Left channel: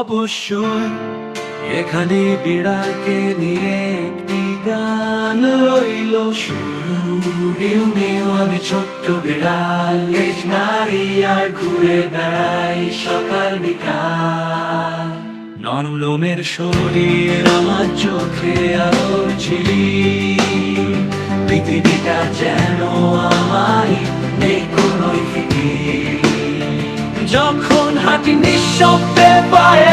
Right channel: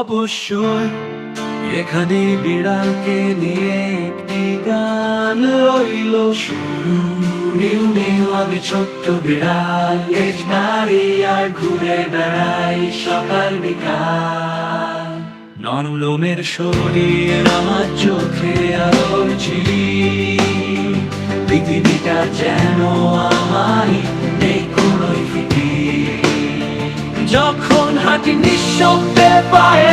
অবশ্যই এখানে বিড়ালকে নিয়ে একটি গান রইল। নিউ আমি ছোট্ট বিড়াল লেজ নাড়ি আর ঘুরে বেড়াই সকাল বিকাল। নরম লোমের শরীর আমার চোখে আলোর ঝিলিক। পৃথিবীটা যেন আমায় নেই কোনোই যখন হাঁটি নিঃশব্দে পায়ের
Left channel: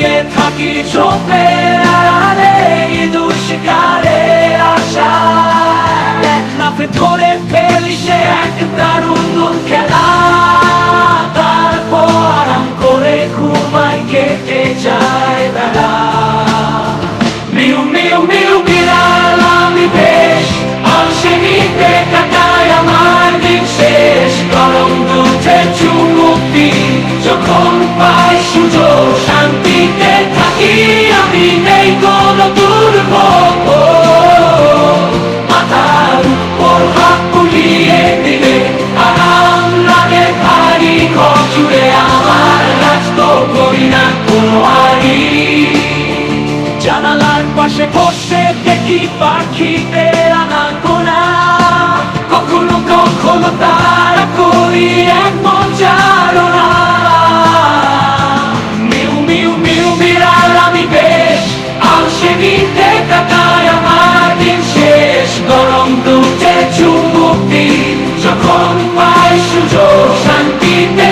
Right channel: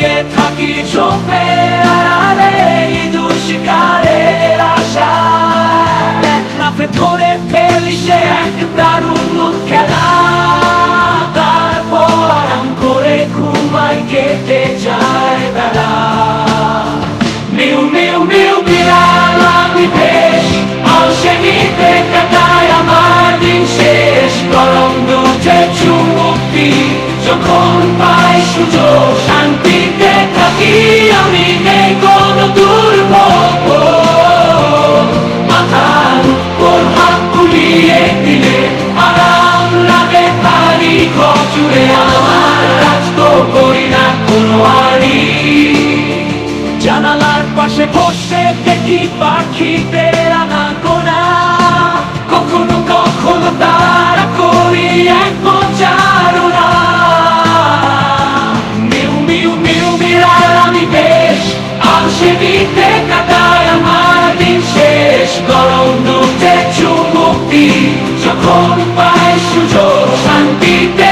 লুকিয়ে থাকি চোখের আড়ালে ইঁদুর শিকারের আশা এক লাফে ধরে ফেলি সে এক দারুণ খেলা। তারপর আরাম করে ঘুমাই কেটে যায় বেলা। মিউ মিউ মিউ, বিড়াল, আমি বেশ। আলসেমিতে কাটাই আমার দিন শেষ। গরম দুধে চুমুক্তি যখন পাই সুযোগ, শান্তিতে থাকি আমি, নেই কোনো দুর্ভোগ। মাথার উপর হাত তুলিয়ে দিলে আরাম লাগে, ভারী ঘর জুড়ে আমার রাজ তো করি না কোনো জানালার পাশে বসে দেখি পাখিদের আনা গোনা লাগিতে কাটায় আমার দিন শেষ গরম দুধে চুমুক্তি যখন পায় সুযোগ শান্তিতে